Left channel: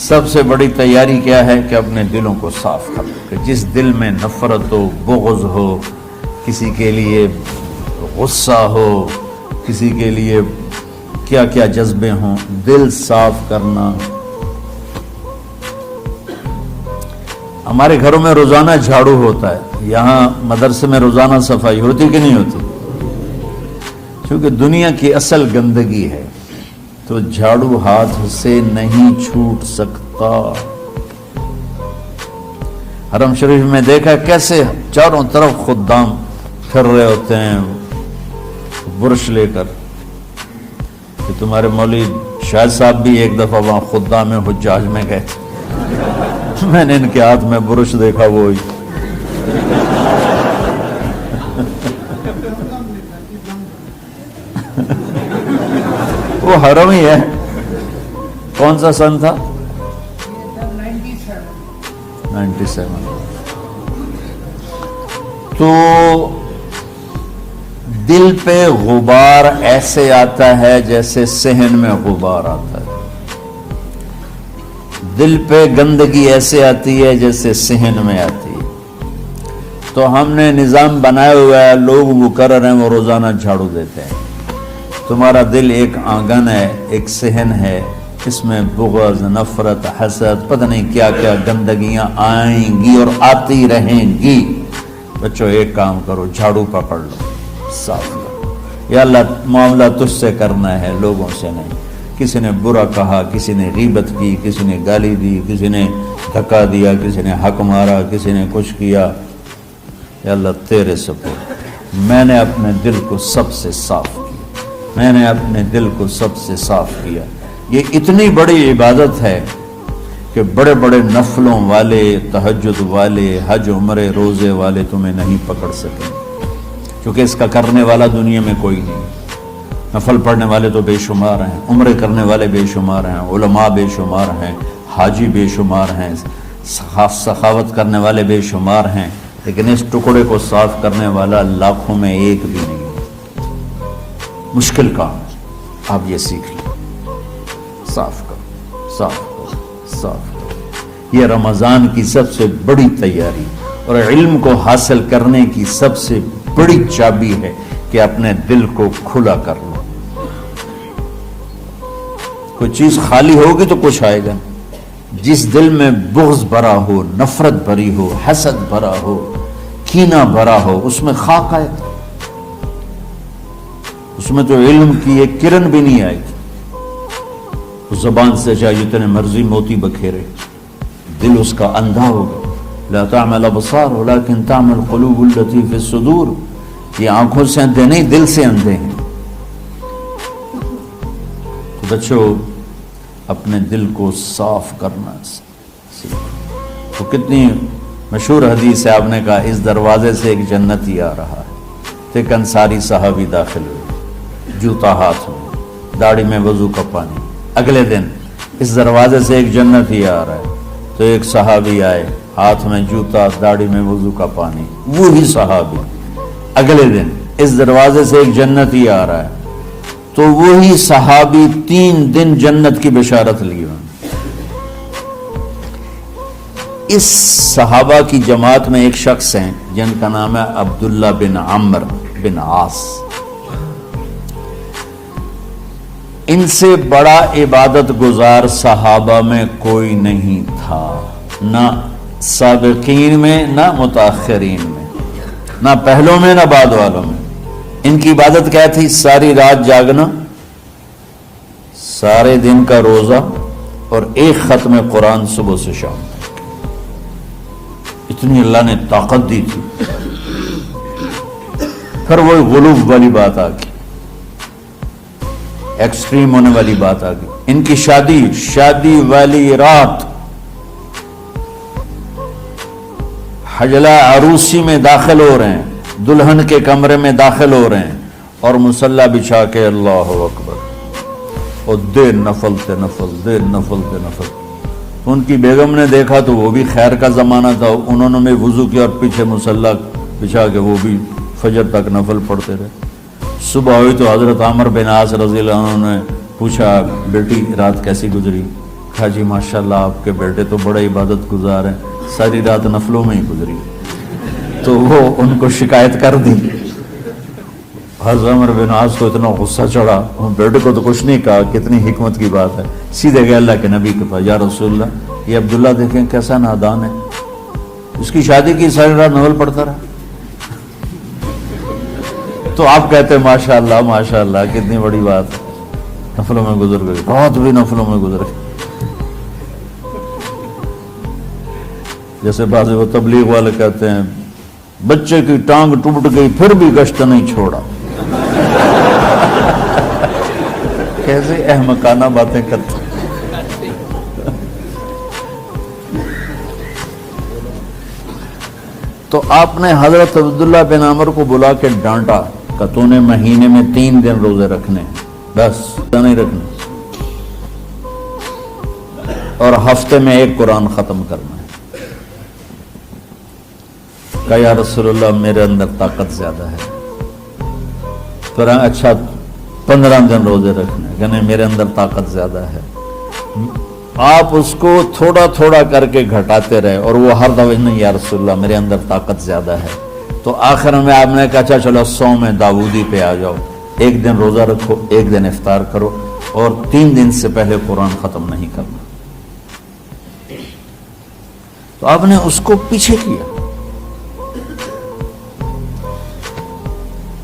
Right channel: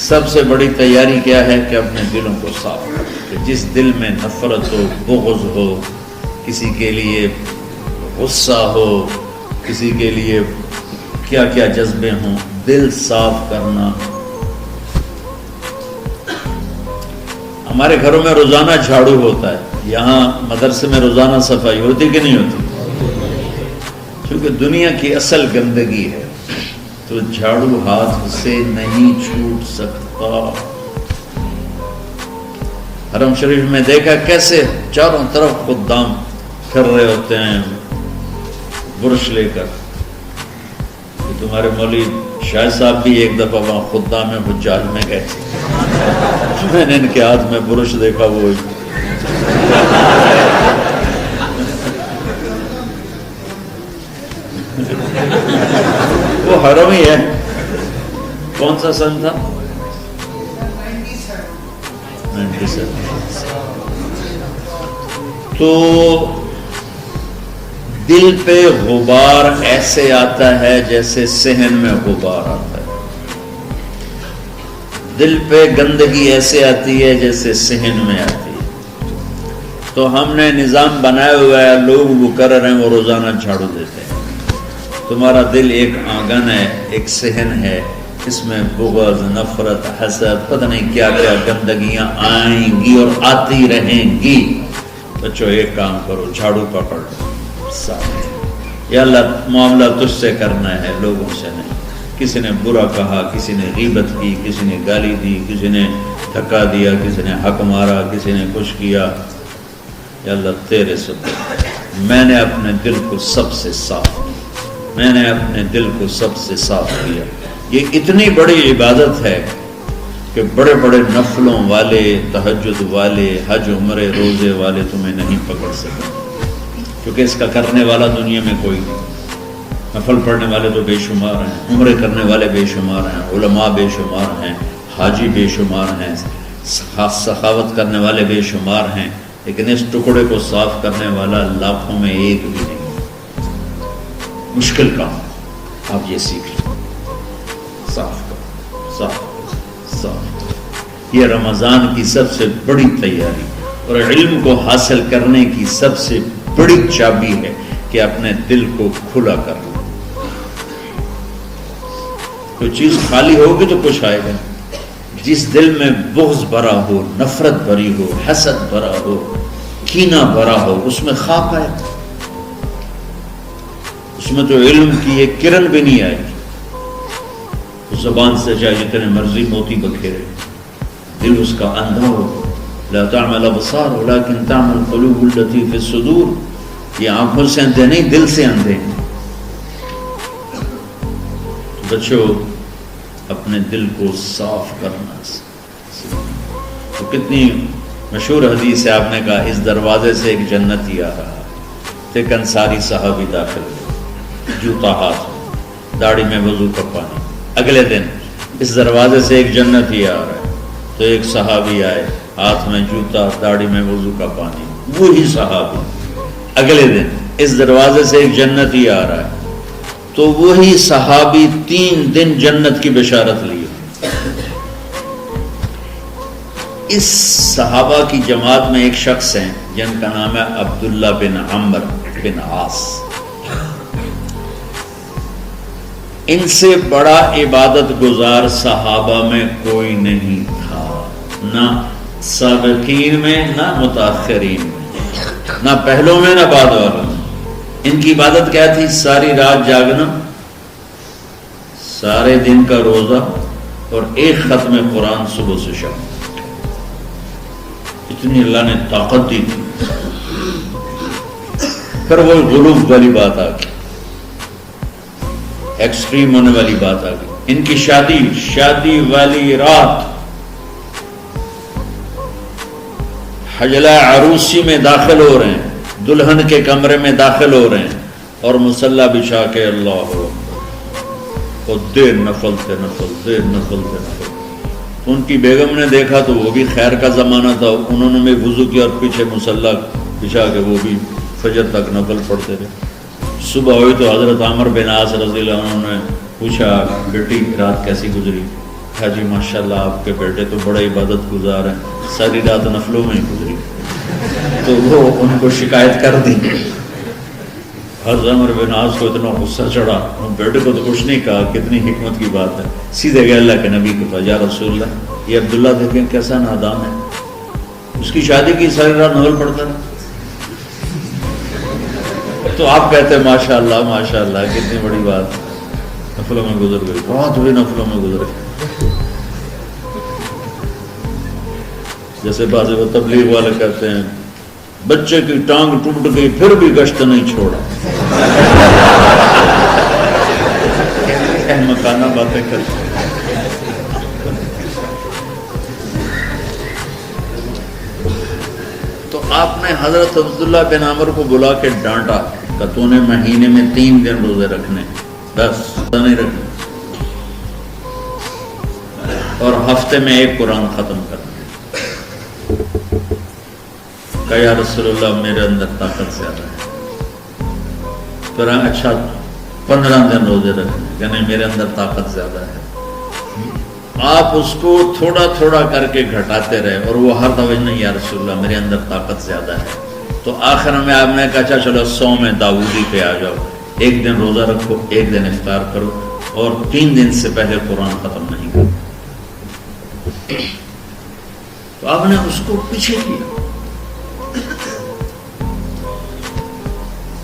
سب سے بڑی تیاری کیا ہے کہ اپنے دلوں کو صاف کر کہ جس دل میں نفرت ہو، بغض ہو، کسی کے لیے غصہ ہو، کسی کے لیے کیا کیا جذبے ہوں، دل صاف کرنا. ہمارے گھروں میں روزانہ جھاڑو ہوتا ہے، یہاں مدرسے میں روزانہ صفائی ہوتی کہ نہیں ہوتی؟ کیونکہ دنیا کی اصل گندگی ہے تو جھاڑو ہاتھ سے نہیں چھوٹ سکتا. حرم شریف میں دیکھا کیسے چاروں طرف خدام پھر رہے ہوتے ہیں برش لے کر. تمہارے مولوی شاہد صاحب بھی ایک دفعہ وہاں خدام حجاج میں گئے، میں نے ان کے ہاتھ میں برش دیکھا. وہی وہ حرم ہی ہے. کون سا سن تھا؟ 97. تو دل پہ غبار ایسے آتا ہے جیسے صحن میں غبار آتا ہے. دل پہ گندگی ایسے آتی ہے جیسے صحن میں آتی ہے. تو ہم نے نظام بنایا ہوا ہے، لوگ وہ کر رہے ہیں، وہ روزانہ جھاڑو دیتے ہیں. تمہارا دل ایک آنگن ہے، ایک صحن ہے، اس میں بغض، نفرت، حسد، پتہ نہیں کیا کیا گندگیاں آئیں گی اور آتی رہیں گی. بچوں ایک کام کرو، جھاڑو پکڑ لو، صاف. یا اللہ معاملہ تجھ سے کرنا ہے، لوگوں سے نہیں. کسی نے برا کہا، کسی نے غیبت کی، کسی نے گالی دی، کسی نے دھکا دیا، کسی نے حق مارا، کسی نے کچھ کیا. یا اللہ تیرے سبب میں نے اپنے دل کو سب سے صاف کیا، میں نے اپنے دل کو سب سے صاف کیا. یہ اتنی بڑی عبادت ہے کہ بڑے بڑے نفلوں والے، تہجد والے، حج عمرے روزے والے تمہیں نہیں پکڑ سکے، کیونکہ اس کا کرنے والا دنیا میں کوئی نہیں. نفل پڑھنے والے تو بے شمار ہیں، عمرے کرنے والے بے شمار ہیں، علماء بے شمار ہیں، حاجی بے شمار ہیں، سخاوت کرنے والے بے شمار ہیں، لیکن اس ٹکڑے کو صاف کرنے والا لاکھوں میں ایک بھی نہیں. مشکل کام، آپ یہ سیکھ لیں. صاف کرو، صاف کرو، صاف کرو. یہ رمضان کی سب سے بڑی تیاری اور علم کو حاصل کرنے کی سب سے بڑی چابی ہے کہ اپنے دل کو کھلا کر لو. کوئی چیز خالی ہوگی تو کچھ آئے گا. جس دل میں بغض بھرا ہو، نفرت بھری ہو، حسد بھرا ہو، کینہ بھرا ہو، اس میں خاک آئے گا. اس میں تو علم کی ایک کرن بھی نہیں آئے گی. زبان سے چاہے جتنے مرضی موتی بکھیرے، دل اس کا اندھا ہو. لا تعمل ابصار ولكن تعمل القلوب التي في الصدور. یہ آنکھوں سے اندھے نہیں، دل سے اندھے ہیں. تو بچوں اپنے دل کو صاف کرنا. تو کتنی مشہور حدیث ہے، آپ نے کہا اس دروازے سے ایک جنتی آ رہا. ایک انصاری صحابی داخل ہوئے، جوتا ہاتھ میں، داڑھی میں وضو کا پانی. اگلے دن اس دروازے سے ایک جنتی آ رہا ہے، تو ایک صحابی آئے، ہاتھ میں جوتا، داڑھی میں وضو کا پانی. وہی صحابی اگلے دن اس دروازے سے ایک جنتی آ رہا ہے، تو وہی صحابی 3 دن جنت کی بشارت لی ہوئی. اس صحابہ کی جماعت میں ایک شخص ہیں جن کا نام ہے عبداللہ بن عمرو بن عاص. ان سے بڑا عبادت گزار صحابہ میں کوئی نہیں تھا، نہ سابقین میں، نہ متاخرین میں، نہ پہلوں میں نہ بعد والوں میں. ان کی عبادت کیا تھی؟ ساری رات جاگنا، سارے دن کا روزہ، اور ایک ختم قرآن صبح سے شام. اتنی اللہ نے طاقت دی تھی. پھر وہی غلوب والی بات آ گئی، ایکسٹریم ہونے والی بات آ گئی. ان کی شادی والی رات حجلہ عروسی میں داخل ہو رہے ہیں، دلہن کے کمرے میں داخل ہو رہے ہیں، اور مصلی بچھا کے اللہ اکبر، اور دیر نفل پہ نفل، دیر نفل پہ نفل. ان کی بیگم نے دیکھا تو وہ بھی خیر کا زمانہ تھا، انہوں نے بھی وضو کیا اور پیچھے مصلی بچھا کے وہ بھی فجر تک نفل پڑھتے رہے. صبح ہوئی تو حضرت عمر بن عاص رضی اللہ عنہ نے پوچھا، بیٹی رات کیسی گزری؟ کہا جی ماشاءاللہ آپ کے بیٹے تو بڑے عبادت گزار ہیں، ساری رات نفلوں میں ہی گزری۔ تو وہ ان کو شکایت کر دی۔ حضرت عمر بن عاص کو اتنا غصہ چڑھا، ان بیٹے کو تو کچھ نہیں کہا، کتنی حکمت کی بات ہے، سیدھے گئے اللہ کے نبی کے پاس، یا رسول اللہ یہ عبداللہ دیکھیں کیسا نادان ہے، اس کی شادی کی ساری رات نفل پڑھتا رہا۔ تو آپ کہتے ہیں ماشاءاللہ ماشاءاللہ کتنی بڑی بات، نفلوں میں گزر گئی، رات بھی نفلوں میں گزر گئی۔ جیسے بعض وہ تبلیغ والے کہتے ہیں بچے کی ٹانگ ٹوٹ گئی پھر بھی گشت نہیں چھوڑا، کیسے احمقانہ باتیں کرتے ہیں۔ تو آپ نے حضرت عبداللہ بن عمر کو بلا کے ڈانٹا کہ تو نے مہینے میں 3 دن روزے رکھنے، 10 نہیں رکھنے، اور ہفتے میں 1 قرآن ختم کرنا۔ کہا یا رسول اللہ میرے اندر طاقت زیادہ ہے۔ پھر اچھا 15 دن روزے رکھنے، کہنے میرے اندر طاقت زیادہ ہے۔ آپ اس کو تھوڑا تھوڑا کر کے گھٹاتے رہے، اور وہ ہر دفعہ نہیں یا رسول اللہ میرے اندر طاقت زیادہ ہے۔ تو آخر میں آپ نے کہا اچھا چلو 100 میں داؤدی پہ آ جاؤ، 1 دن روزہ رکھو، 1 دن افطار کرو، اور 3 دن سے پہلے قرآن ختم نہیں کرنا۔ تو آپ نے اس کو پیچھے کیا۔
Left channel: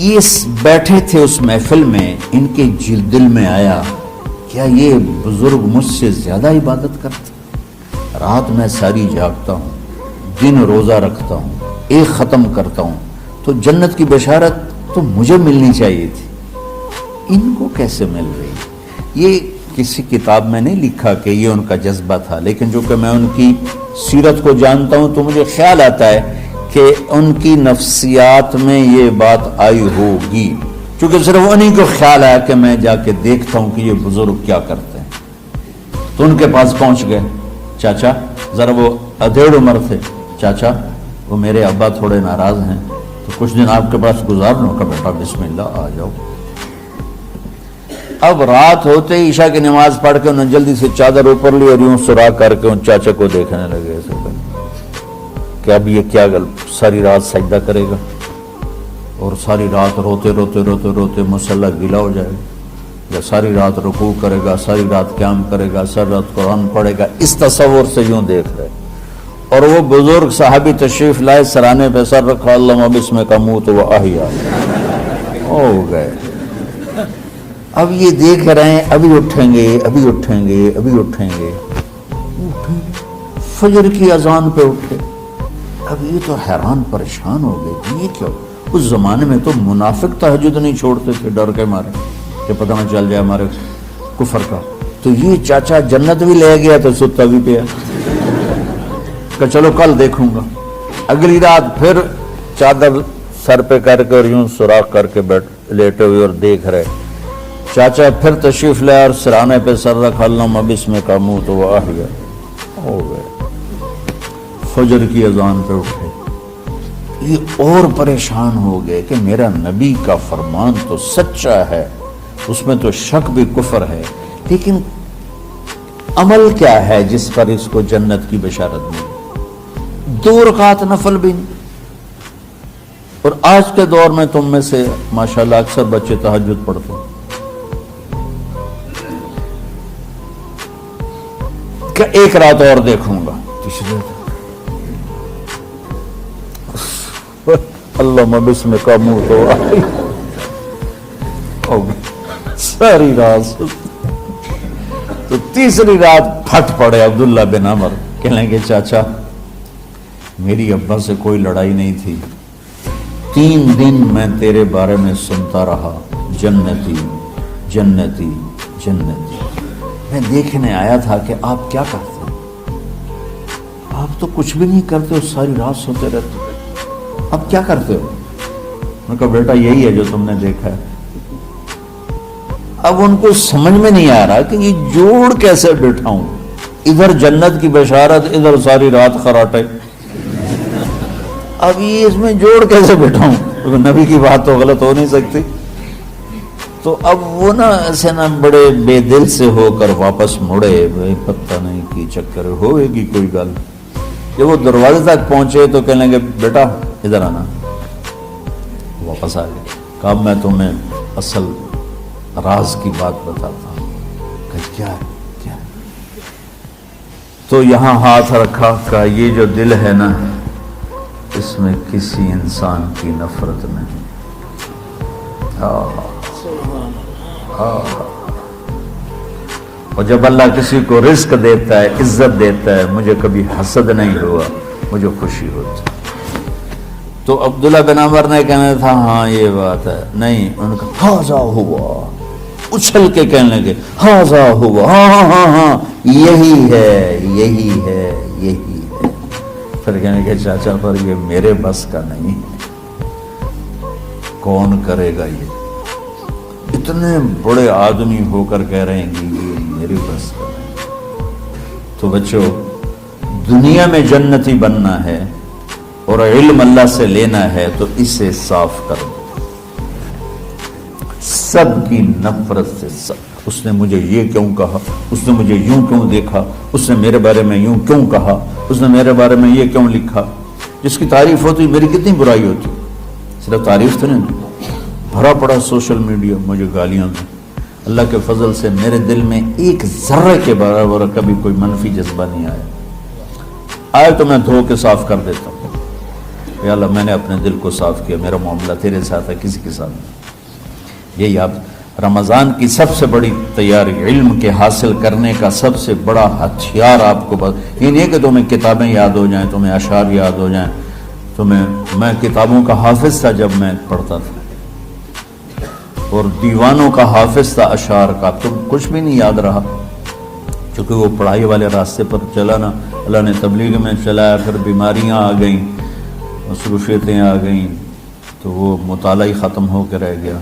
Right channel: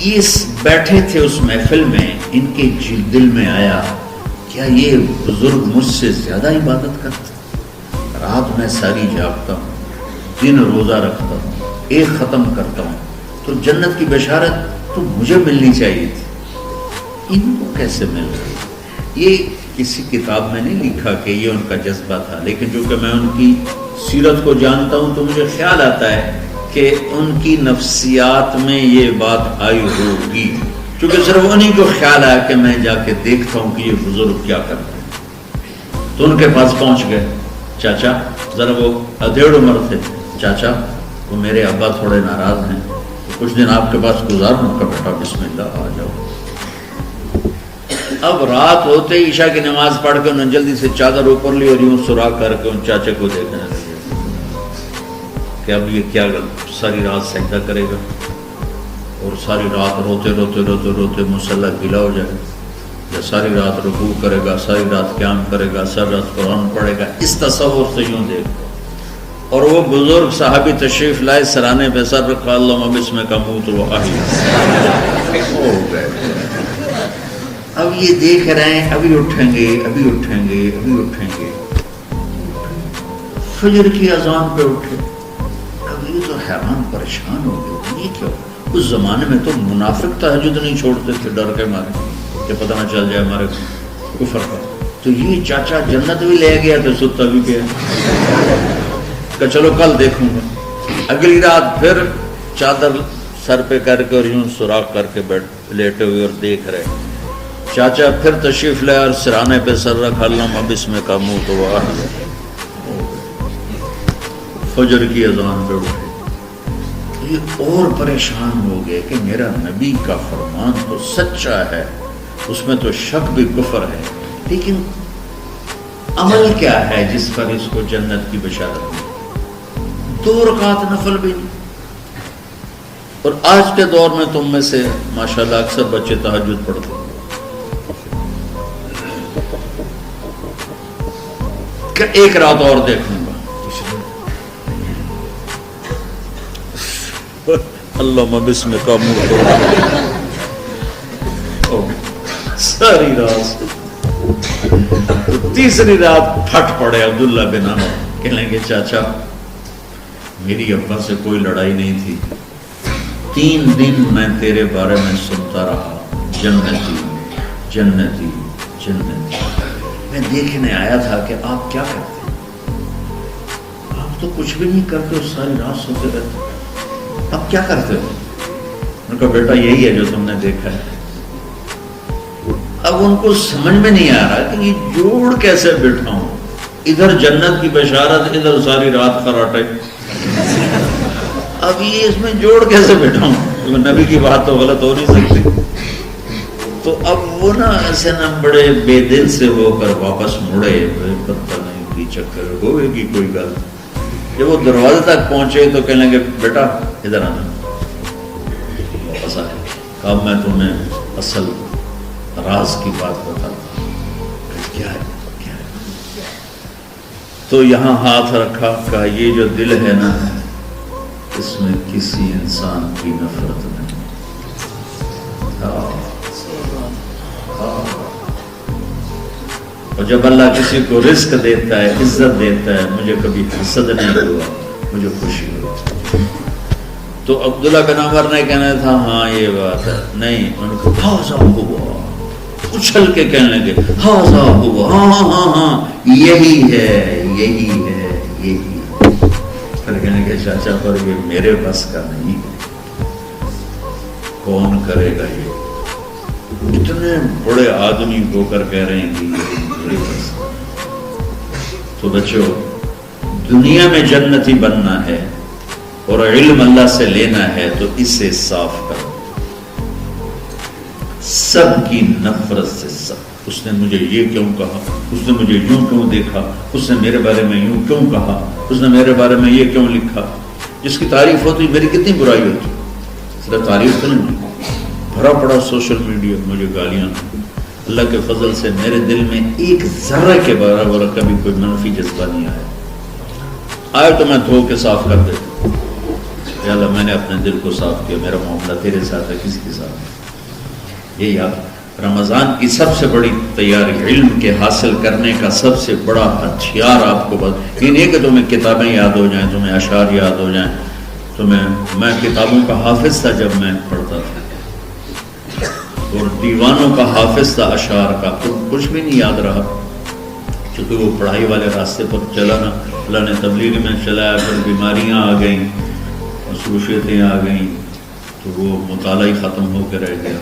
یہ بیٹھے تھے اس محفل میں، ان کے دل میں آیا کیا یہ بزرگ مجھ سے زیادہ عبادت کرتے، رات میں ساری جاگتا ہوں، دن روزہ رکھتا ہوں، 1 ختم کرتا ہوں، تو جنت کی بشارت تو مجھے ملنی چاہیے تھی، ان کو کیسے مل رہی؟ یہ کسی کتاب میں نہیں لکھا کہ یہ ان کا جذبہ تھا، لیکن جو کہ میں ان کی سیرت کو جانتا ہوں تو مجھے خیال آتا ہے کہ ان کی نفسیات میں یہ بات آئی ہوگی، چونکہ صرف انہی کو خیال آیا کہ میں جا کے دیکھتا ہوں کہ یہ بزرگ کیا کرتے ہیں۔ تو ان کے پاس پہنچ گئے، چاچا ذرا، وہ ادھیڑ عمر تھے، چاچا وہ میرے ابا تھوڑے ناراض ہیں، تو کچھ دن آپ کے پاس گزار لوں کا، بیٹا بسم اللہ آ جاؤ۔ اب رات ہوتے ہی عشاء کی نماز پڑھ کے انہوں نے جلدی سے چادر اوپر لی اور یوں سراغ کر کے ان چاچے کو دیکھنے لگے کہ اب یہ کیا ساری رات سجدہ کرے گا، اور ساری رات روتے روتے روتے روتے مصلی گیلا ہو جائے گا، یا ساری رات رکوع کرے گا، ساری رات قیام کرے گا، ساری رات قرآن پڑھے گا، اس تصور سے یوں دیکھ رہے۔ اور وہ بزرگ صحابی تشریف لائے، سرانے پہ سر رکھا، اللہم بسمک اموت و احیا، ہو گئے۔ اب یہ دیکھ رہے ہیں ابھی اٹھیں گے، ابھی اٹھیں گے، ابھی اٹھیں گے، فجر کی اذان پہ اٹھے۔ اب یہ تو حیران پریشان ہو گئے کہ یہ کیا؟ اس زمانے میں تو منافق تہجد نہیں چھوڑتے تھے ڈر کے مارے کہ پتہ نہ چل جائے ہمارے کفر کا۔ تو یہ چاچا جنت بھی لے گیا تو ستا بھی پیا کہ چلو کل دیکھوں گا۔ اگلی رات پھر چادر سر پہ کر کے اور یوں سوراخ کر کے لیٹے ہوئے اور دیکھ رہے۔ چاچا پھر تشریف لے اور سرانے پہ سر رکھا، اللہم بسمک اموت و احیا، ہو گئے۔ فجر کی اذان پہ اٹھے، یہ اور پریشان ہو گئے کہ میرا نبی کا فرمان تو سچا ہے، اس میں تو شک بھی کفر ہے، لیکن عمل کیا ہے جس پر اس کو جنت کی بشارت ملی؟ 2 رکعت نفل بھی نہیں۔ اور آج کے دور میں تم میں سے ماشاءاللہ اکثر بچے تہجد پڑھتے ہیں کہ 1 رات اور دیکھوں گا، اللہم بسمک اموت و احیا، ساری رات۔ تیسری رات پھٹ پڑے عبداللہ بن عمر، کہنے لگے چاچا میری ابا سے کوئی لڑائی نہیں تھی، 3 دن میں تیرے بارے میں سنتا رہا، جنتی جنتی جنتی۔ میں دیکھنے آیا تھا کہ آپ کیا کرتے ہیں، آپ تو کچھ بھی نہیں کرتے ہو، ساری رات سوتے رہتے ہو، اب کیا کرتے ہو؟ میں کہا بیٹا یہی ہے جو تم نے دیکھا ہے۔ اب ان کو سمجھ میں نہیں آ رہا کہ یہ جوڑ کیسے بٹھاؤں، ادھر جنت کی بشارت، ادھر ساری رات خراٹے، اب یہ اس میں جوڑ کیسے بٹھاؤں؟ نبی کی بات تو غلط ہو نہیں سکتی۔ تو اب وہ نا ایسے نا بڑے بے دل سے ہو کر واپس مڑے، پتہ نہیں کی چکر ہوئے گی کوئی گل۔ جب وہ دروازے تک پہنچے تو کہنے لگے بیٹا ادھر آنا، واپس آ گئے۔ اب میں تمہیں اصل راز کی بات بتاتا ہوں۔ کیا ہے؟ تو یہاں ہاتھ رکھا، کہا یہ جو دل ہے نا اس میں کسی انسان کی نفرت نہیں۔ اور جب اللہ کسی کو رزق دیتا ہے، عزت دیتا ہے، مجھے کبھی حسد نہیں ہوا، مجھے خوشی ہوتی۔ تو عبداللہ بن عمر نے کہنا تھا ہاں یہ بات ہے، نہیں، ان کو ہاذا ہوا، اچھل کے کہنے لگے ہاذا ہوا، ہاں ہاں ہاں ہاں یہی ہے یہی ہے یہی ہے۔ پھر کہنے کہ چاچا پر یہ میرے بس کا نہیں ہے، کون کرے گا یہ؟ اتنے بڑے آدمی ہو کر کہہ رہے ہیں کہ یہ میرے بس کا۔ تو بچوں، دنیا میں جنتی بننا ہے اور علم اللہ سے لینا ہے تو اسے صاف کرو، سب کی نفرت سے۔ سب اس نے مجھے یہ کیوں کہا، اس نے مجھے یوں کیوں دیکھا، اس نے میرے بارے میں یوں کیوں کہا، اس نے میرے بارے میں یہ کیوں لکھا۔ جس کی تعریف ہوتی میری کتنی برائی ہوتی، صرف تعریف تو نہیں، بھرا پڑا سوشل میڈیا مجھے گالیاں دی۔ اللہ کے فضل سے میرے دل میں ایک ذرے کے برابر کبھی کوئی منفی جذبہ نہیں آیا، آئے تو میں دھو کے صاف کر دیتا ہوں۔ یا اللہ میں نے اپنے دل کو صاف کیا، میرا معاملہ تیرے ساتھ ہے، کسی کے ساتھ نہیں۔ یہ یاد، رمضان کی سب سے بڑی تیاری، علم کے حاصل کرنے کا سب سے بڑا ہتھیار آپ کو بس یہ نہیں کہ تمہیں کتابیں یاد ہو جائیں، تمہیں اشعار یاد ہو جائیں، میں کتابوں کا حافظ تھا جب میں پڑھتا تھا، اور دیوانوں کا حافظ تھا اشعار کا، تو کچھ بھی نہیں یاد رہا، چونکہ وہ پڑھائی والے راستے پر چلا نا، اللہ نے تبلیغ میں چلایا، پھر بیماریاں آ گئیں، مصروفیتیں آ گئیں، تو وہ مطالعہ ہی ختم ہو کے رہ گیا۔